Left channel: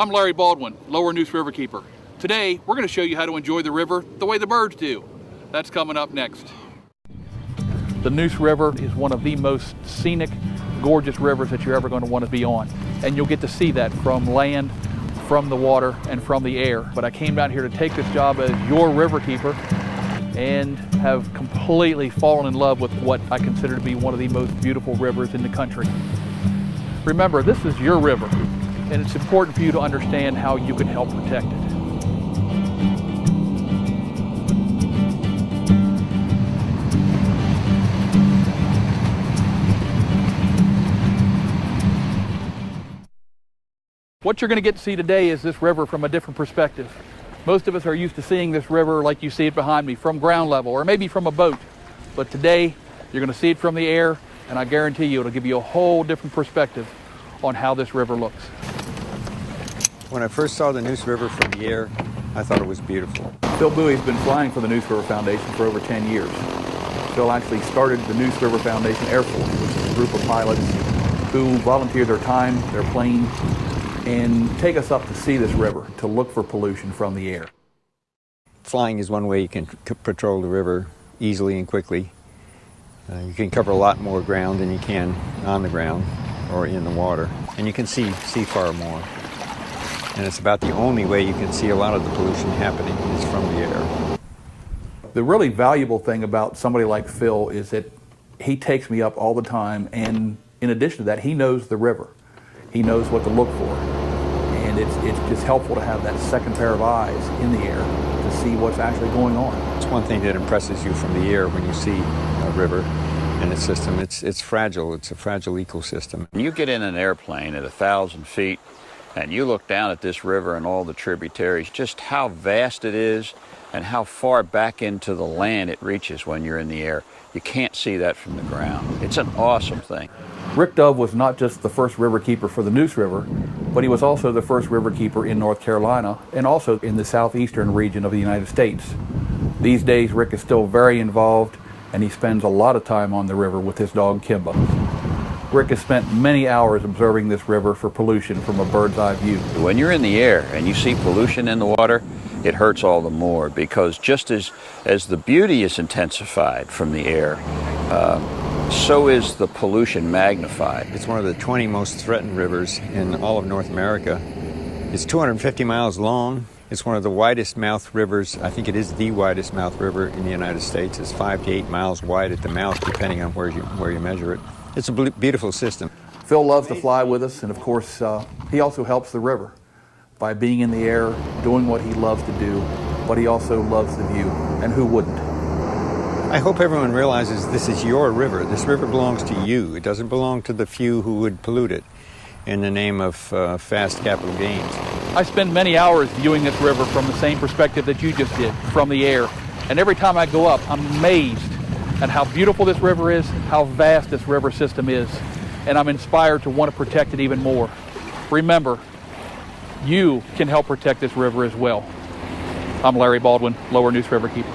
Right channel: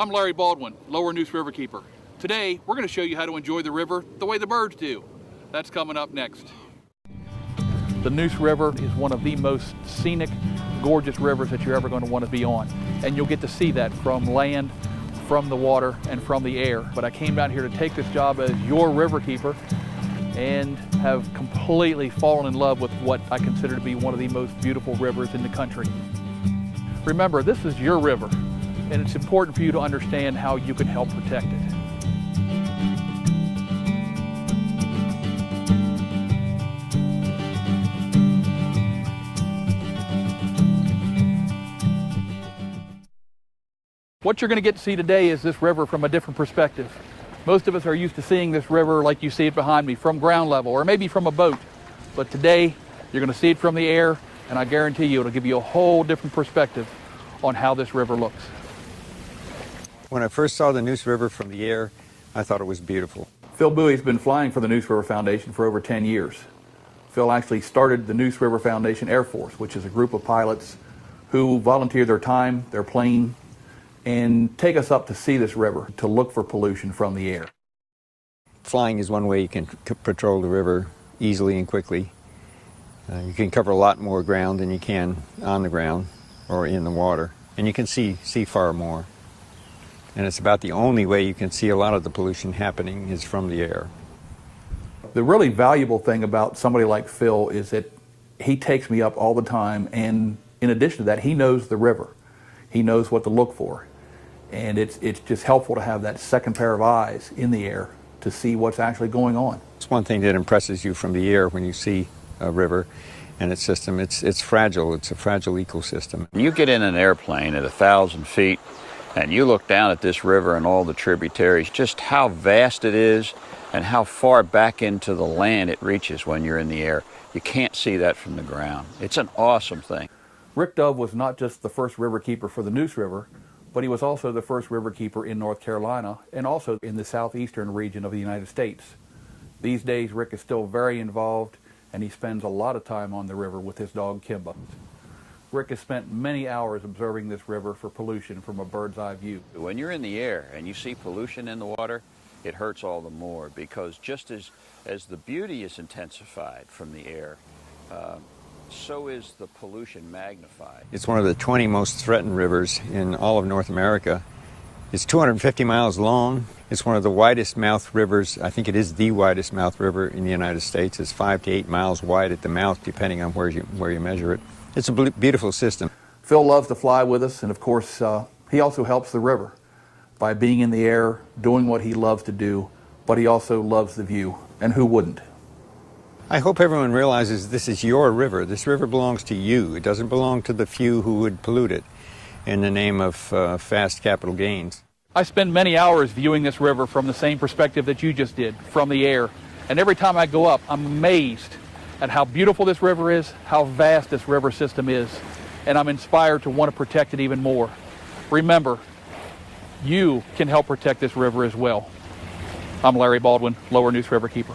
I'm Larry Baldwin, Lower Neuse Riverkeeper. Today, we're going to show you how to enjoy the river the way the birds do. That's coming up next. The Neuse River is one of the most scenic, gorgeous rivers that you're ever going to want to be on. And you'll get to see that from land, from the water, and from the air. But I came down here to take this job as your riverkeeper and have completely fallen in love with what I consider to be one of the most beautiful rivers in the country. Remember, this is your river, and it's important for you to understand how you can help protect it. What you're going to get to see today is this river from a different perspective. Most of us are used to seeing this river like you see it behind me, from ground level or maybe from a boat. But today, you're going to see it from the air, and I guarantee you it'll give you a whole different perspective on how this river looks. When I first saw the Neuse River from the air, I thought it was beautiful. Phil Bowie's been flying for the Neuse River Foundation for over 10 years. Phil actually started the Neuse River Foundation Air Force, which is a group of pilots who volunteer their time, their plane, and take us up to see this river, to look for pollution from the air. Flying is one way you can patrol the river easily and quickly. You can cover a lot more ground than you can on the ground or in the water, and you can see far more. And it's about the only way you can see a lot of the pollution happening is from the air. The really valuable thing about somebody like Phil is that he takes me up all the time, and in addition to that, he knows the river. He knows what to look for. And it's just helpful to have that second pair of eyes in the air to see what's actually going on. It's one thing that impresses you from the air when you see a river and its system. It's fragile. It's a fragile ecosystem. You get in an airplane at 1,000 feet and you look down at this river and all the tributaries, just how vast it is and how far back into the land it reaches when you're in the air. You can't see that from the ground. It's an awesome thing. Rick Dove was not just the first riverkeeper for the Neuse River, but he was also the first riverkeeper in North Carolina and also in the southeastern region of the United States. These days, Rick is still very involved, and he spends a lot of time on the river with his dog, Kimba. Rick has spent many hours observing this river for pollution from a bird's eye view. When you're in the air and you see pollution in the water, it hurts all the more, because just as the beauty is intensified from the air, so is the pollution magnified. It's one of the 20 most threatened rivers in all of North America. It's 250 miles long. It's one of the widest mouth rivers. I think it is the widest mouth river in the United States. It's 5 to 8 miles wide at the mouth, depending on where you measure it. It's a beautiful system. Phil loves to fly with us, and of course, he also helps the river by being in the air, doing what he loves to do, but he also loves the view, and who wouldn't? I hope everyone realizes this is your river. This river belongs to you. It doesn't belong to the few who would pollute it in the name of fast capital gains. I spend many hours viewing this river from the same perspective that you just did, from the air. And every time I go up, I'm amazed at how beautiful this river is, how vast this river system is, and I'm inspired to want to protect it even more. Remember, you can help protect this river as well. I'm Larry Baldwin, Lower Neuse Riverkeeper.